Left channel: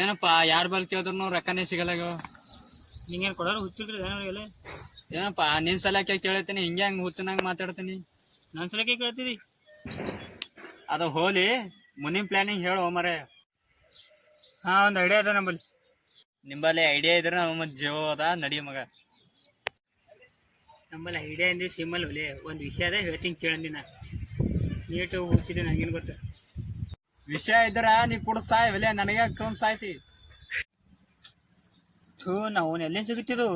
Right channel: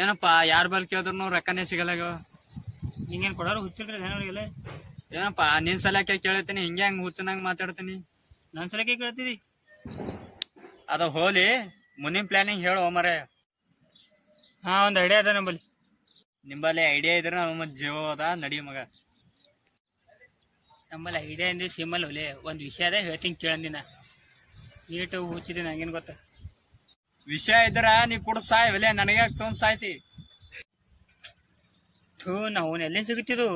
ಏನಪ್ಪಾ ಯಾರ ಬಲ್ ಕೇಳಿದ್ರು ರೊಕ್ಕನೇ ಸಿಗಲ್ಲ. ನಿಂಗೇನು ಕೊಡೋರು ಹುಚ್ಚಿಲ್ರಿ ನನಗೆಲ್ಲ. ಏನಪ್ಪಾ ನಿನ್ ಸಲಕ್ಕೆ ಕೇಳತ್ತೀನಿ, ಹಿಂಗೆ ಹಂಗ ಹುಚ್ಚನಾಗ ಮಾತಾಡ್ತೀನಿ. ನನ್ನ ಸಲಕ್ಕೆ ಕೇಳ್ತೀರಿ? ಅದು ಹೋಲಿ, ಮುಂದಿನ ಪ್ಲಾನಿಂಗ್ ಹೇಳು ಮರೆ. ಹಾ, ಒಂದು ಐಡಿಯಾ ಅದ ನಂಬಲ್ಲಿ. ನಿಂಬಲ್ಲಿ ಐಡಿಯಾ ಇದ್ರೆ ನಮ್ಮ ಜೀವ ಅದ, ನಡಿ ಮಗ. ನಮ್ಮಲ್ಲಿ ಐಡಿಯಾ ಅಂದ್ರೆ ಸಿಮ್ಮಲ್ ಒಲೆ ಒಂದು ವಿಷಯ ಅದ ಹೇಳ್ತೀನಿ ಕೇಳಂದಿನ. ನೀಟು ಹುಚ್ಚಿದ್ದೀನಿ ನಂಗೇನು ಗೊತ್ತ. ವಿಷಯ ಇದ್ರ ನೀ ಕೂಡ ಸಾಯ್ ಒಲೆ, ನನಗೆ ತೊಂದ್ ಸಾಯ್ತಿ. ನಾವು ಎಲ್ಲಿಂದ ಸಿಗುತ್ತಿದ್ದು?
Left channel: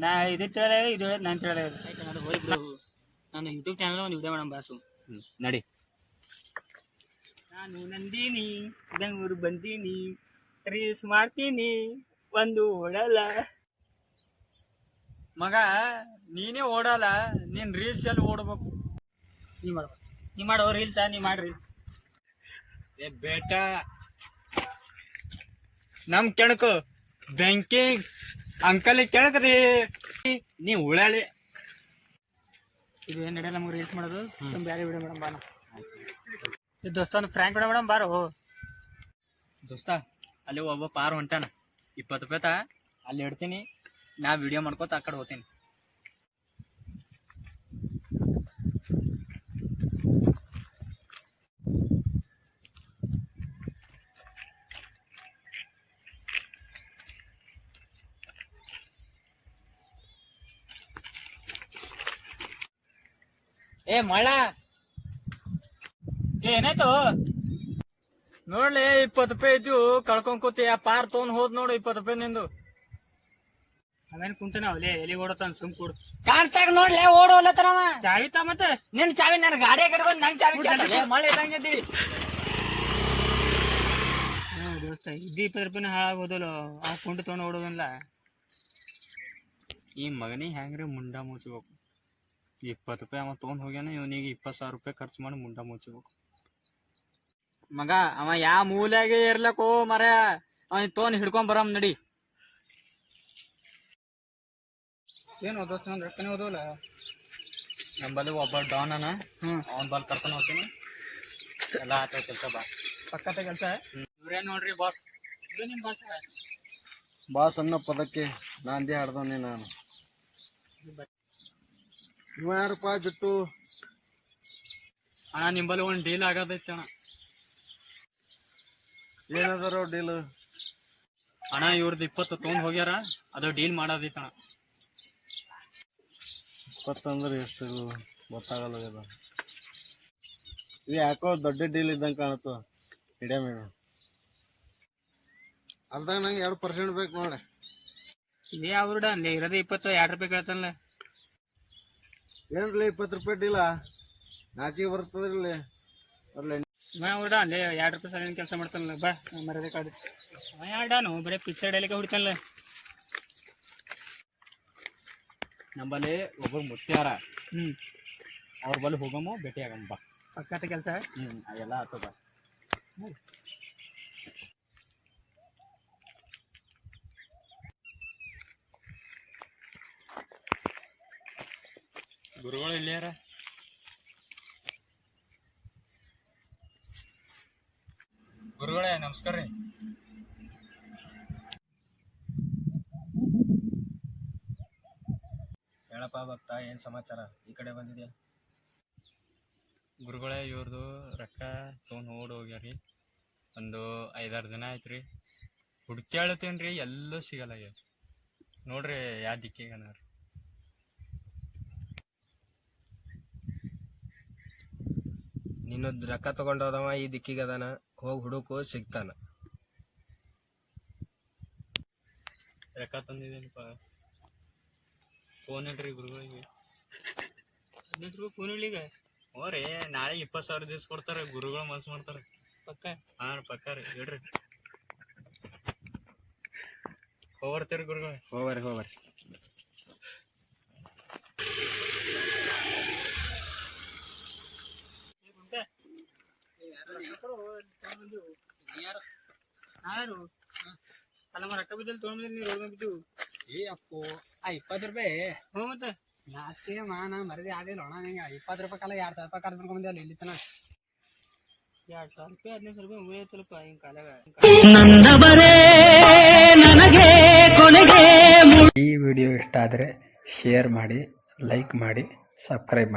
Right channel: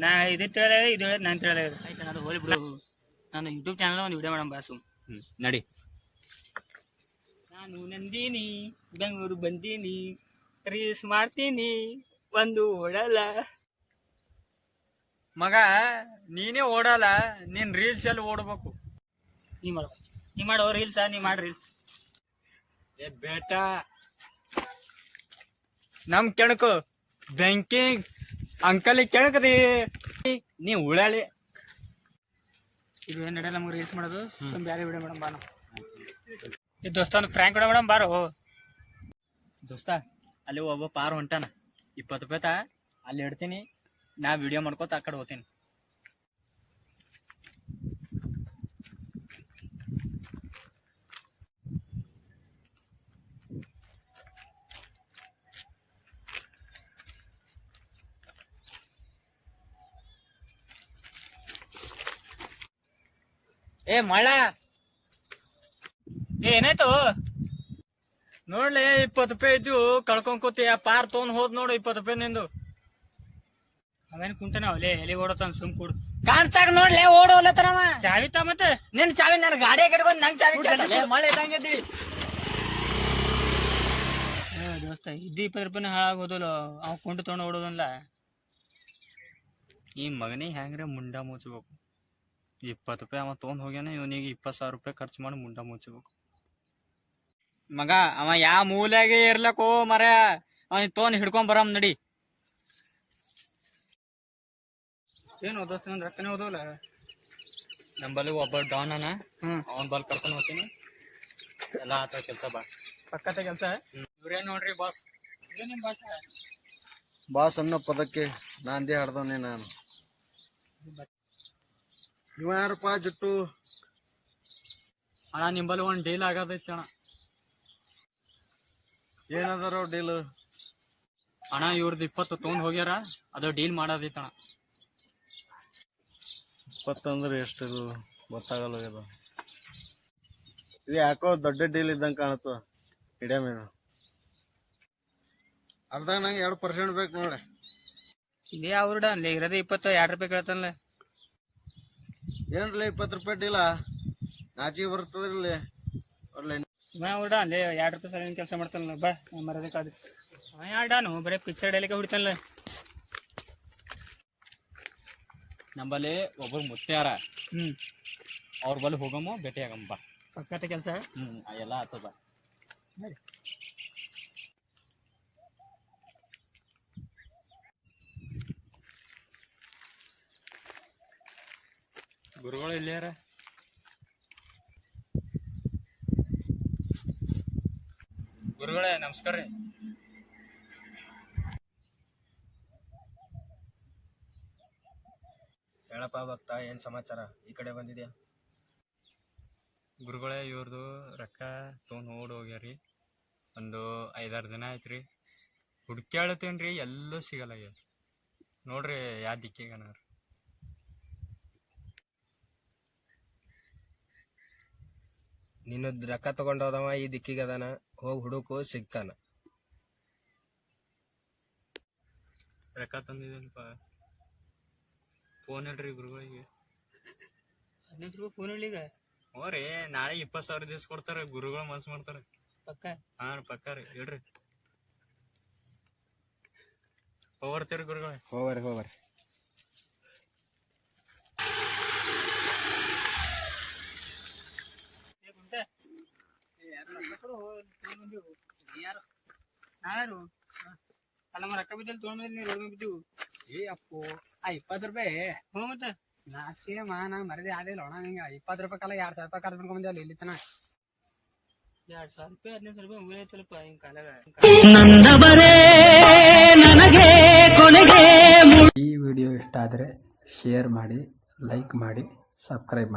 ನಾ ಇದು ತಿಳ ಇದು ಹೇಳೋದು ನಾನು ತಿಳ ಆಯ್ತು. ನಾನು ಹೋಗಿ ಬಿಡು, ನಾನು ಯೂಟ್ಯೂಬ್ ಚಾನಲ್ ಒಂದು ವಿಡಿಯೋ ಮಾಡೋಣ ಬಾಸು. ನಡಿ. ನಾನು ನಂದಿನಿ, ಬೆಂಗಳೂರು ಬಂದೀನಿ, ರೀಲ್ಸ್ ಮಾಡ್ತೀನಿ, ಒಂದು ಓಡಲ್ಲ. ಮಗ ನೀನೇ ಓಡಲ್ಲ, ನೀನ್ ರೀಲ್ಸ್ ಅಲ್ಲಿ ಓಡ್ಬೇಕು. ನೀ ಮಾಡೋ ರೀಲ್ಸಾ? ನೀ ಮಾಡಿ ರೀಲ್ಸ್. ಏ ಬೇಟಾ, ನಮ್ ಕೆಣಕು ಬೆಂಕಿ ಅಂಕಲ್ ಕೆಣಕದಿ, ನೀ ಉಳಾಳಿ. ಇದು ಏನ್ ನಡೆಯಲ್ಲ ನಮ್ಗೆ ರೀಲ್ಸ್ ಮಾಡೋದು. ಬೇರೆ ವಿಡಿಯೋ ಮೇಡಮ್ ಬಾ. ಇದು ದೋಸ್ತ ಒಂದು ಫ್ರ್ಯಾಂಕ್ ವಿಡಿಯೋ ಮೇಡಮ್ ಬಾರೋ. ದೋಸ್ತ ಅಲ್ಲಿ ಒಬ್ಬ ಪಾರ್ ಹೊಂಟಾನ, 20 ರೂಪಾಯಿ ಅಲ್ಲಿ ಇಡ್ತೀನಿ, ನಾ ವಿಡಿಯೋ ಮಾಡ್ಕೋತ ಆ ಕಡೆ ಹೋಗ್ತೀನಿ. ಏ ಮಳ, ಏನಾಯ್ತು? ನೋಡ್ಲಿ 20 ರೂಪಾಯಿ ಇದ್ದು ಕಳ್ಕೊಂಡ್ ಆ ಪಾರ್ ತೊಗೊಂಡ್ ಹೋದ್ ನೋಡು 20 ರೂಪಾಯಿ ನಿಂದು. ಅವೇನ್ ಕುಂತಾನ ಅವಲೇ ಎಲ್ಲಿ ಓಡತಾನ? ಸುಮ್ ಕೂಡು. ಕಾಣ್ತಾಗ ನೋಡ್ಲಿ ಓಡೋಲತ್ತನವ. ಚಾವಿ ತಾ ಮತ್ತೆ. ನಿನ್ ಚಾವಿ ನನ್ನ ಗಾಡಿಯಾಗ ಇಟ್ಕೊಂಡ್ ನಂಗ್ ಚಾವಿ ಕೇಳ್ತಲೆ, ಮಳೆ ಇದ್ದಂಗಿದ್ದೀವಿ. ದೋಸ್ತ ಇದ್ದು 20 ರೂಪಾಯಿನ ಹಾಳಾಗೋದಲ್ಲ, ಆ ಕೊಂಡು ತೊಗೊಂಡು ಓಡೋದಲ್ಲ. ಈ ಮಗನಿಗೆ ಹೆಂಗ್ರೆ ಮುಂಡ ಮುಚ್ಚಬೇಕು. 20 ರೂಪಾಯಿ ಅವ ತೊಗೊಂಡ್ ಹೋಗ್ಯಾನ, ಇವನಿಗೆ 20,000 ರೂಪಾಯಿ ಖರ್ಚು ಮಾಡಿ ಮುಂಡ ಮುಚ್ಚಬೇಕು. ಮಗ ಅವ ಯಾವ ಮೂಲೆಯಾಗೆ ಇರ್ಲಕ್ಕೋ ಮರ, ಅವ ತೊಗೊಂಡ್ ಹಿಡ್ಕೊಂಡ್ ಬರಮ್ ನಡಿ. ಏನು ದೋಸ್ತ ನಂದು ರೊಕ್ಕನೇ ಓದೋಲ್ಲ. ನಂಬಲ್ಲಿ ಒಬ್ಬ ಡಾನ್ ಅನ, ಅವನ್ ಬಲ್ ಕರ್ಕೊಂಡು ಹೋಗ್ತೀನಿ. ಎಲ್ಲ ಆತ ಕೆಲಸ ಬಾ. ಪಕ್ಕದ ಕೆಲಸ. ಇವ್ರೇನ್ ನೋಡ್ರಿ ಬಾಸ್, ಇದು ನಿಮ್ ಭಾಷೆ. ಬಾಸ್ ಅನ್ನೋ ಪದಕ್ಕೆ ನಾಂದಿ ಹಾಡ್ದವನೇ ನಾನು. ಇವ ಯಾರಪ್ಪ ಜುಟ್ಟು? ಅಣ್ಣ ನಿಂಬಲ್ಲಿ ಒಂದ್ ಡೀಲ್ ಆಗೋದೈತಿ ಅಣ್ಣ. ಏನದಾರೋ ಡೀಲ್? ಅಣ್ಣ ಇವ್ರದ್ದು 20 ತೊಗೊಂಡ್ ಹೋಗ್ಯಾರ, ಅದು ಡೀಲ್ ಮಾಡೋದೈತಿ ಅಣ್ಣ. 20 ಅಂದ್ರೆ ಎಷ್ಟು ಗೊತ್ತಾಗಲ್ಲ. ಇದು ಯಾಕೋ ದೊಡ್ಡ ಡೀಲ್ ಇದ್ದಂಗೆ ಕಾಣುತ್ತ. ಹಿಡಿಯ ಮೀನು ಅರ್ಧಾಗ ನಂಗೆ 2% ಬೇಕು ನೋಡಿ. ಇದೇ ಅವ್ರಡ ಅಲ್ಲೇ ಇರೋದೇ 20, 2 ರೂಪಾಯಿ ಕೇಳ್ತಾನಲ್ಲ. ಏನ್ರಲ್ಲ 20 ರೂಪಾಯಿ ಡೀಲ? ನಾಚಿಗೆ ಬರ್ತದ್ರಲ್ಲಿ. ಅವ್ರಡ ಅಲ್ಲೇ 2 ರೂಪಾಯಿ ಸಲ ಕೆಲಸ ಮಾಡ್ತಾನಲ್ಲ. ಬಾ ಮರದೇ ಕಾಡು ಆಡಾನು ಬರೀ ಪಿಕ್ಚರ್ ಡೈಲಿಗೆ ಹೊಡಿತಾನಲ್ಲ. ನಂಬಲ್ಲಿ ಒಬ್ಬರು ಮುತ್ಯಾರ, ಅವ್ರ ಬಲ್ಲಿ ಹೋಗಮ್ಮ, ಭೇಟಿ ಆಗಮ್ಮ ಬಾ. ಪಕ್ಕದ ಕೆಲಸ. ಎಲ್ಲ ಆತದ. ಗುರುಗಳು ಇಲ್ಲಾರ? ಗುರುಗಳೇ ನಮಸ್ಕಾರ ರೀ. ಹೇಳಪ್ಪ ಭಕ್ತ, ಏನ್ ಸಮಾಚಾರ? ಈ ಕಡೆ ಬಂದಿದ್ಯಾ? ಗುರುಗಳೇ ಇವ್ರದು ರೊಕ್ಕ ತೊಗೊಂಡು ಓಡ್ ಹೋಗ್ಯಾರಿ. ಒಂದು 5-6 ದಿನ ಆಯ್ತು ರೀ. ಹುಡ್ಕ್ಯಾಳತ್ತೇನು ರೀ, ಎಲ್ಲೂ ಸಿಗಲ್ಲ. ನೋಡ್ರಿ ಯಾವ ದಿಕ್ಕಿಗನ ರೀ. ನೀನು ರೊಕ್ಕ ತಗೊಂಡೋದವ ಈ ದಿಕ್ಕಿಗೆ ಅದಾನ, ಹೋಗಿ ಹುಡುಕು, ಸಿಗ್ತಾನ. ರೊಕ್ಕ ತಂದಿದ್ದೇನಪ್ಪ. ಫೋನ್ ಹೇಳ್ರಿ ಗುರುಗಳಿಗೆ. 15 ರೂಪಾಯಿ ಫೋನ್ ಇಲ್ಲಿಗ? ಹ್ಞೂ ರೀ, ನಾಳೆ 20,000 ದಿವ್ಸ ಕೊಡ್ತಾರೆ. ಗುರುಗಳು ಮನ್ಸು ಮಾಡ್ತಾರೆ. ಪಕ್ಕ? ಹಾಂ ರೀ, ಪಕ್ಕ ರೀ. ಹೇಳ್ರಿ, ಹೋಗ್ಬರ್ತೀರಿ ಗುರುಗಳೇ. ಹೋಗ್ಬರ್ರಿ. ಯಾರು ಅಲ್ಲ ರೊಕ್ಕ ಬಿದ್ದಲ್ಲಿ ತೊಗೊಂಡ್ರೆ ನೀರು ರೋಗ ಬಿದ್ದು. ಏ ಅಪ್ಪು, ಆ 20 ರೂಪಾಯಿ ಹ್ಞೂ ಮತ್ತೆ ನಾಸ್ತಿ ನಾನು ಮರದಿ ಆಗಲಿಲ್ಲ ಅಣ್ಣ. ನಿಂಗೆ 20 ರೂಪಾಯಿ ಕಾಲ 2,000 ರೂಪಾಯಿ ಖರ್ಚು ಮಾಡ್ಕೊಂಬಂದಿಲ್ಲ ಇಲ್ಲಿ ತನ. 2,000 ರೂಪಾಯಿ 15,000 ರೂಪಾಯಿ ಉಳಿಯತ್ತಲ್ಪ ಹಿಂಗ್ ಕಾಲಾಗ. ಈ ವಿಡಿಯೋ ಇಷ್ಟ ಆದರೆ ಶೇರ್ ಮಾಡಿ, ಲೈಕ್ ಮಾಡಿ, ಸಬ್ಸ್ಕ್ರೈಬ್ ಮಾಡಿ.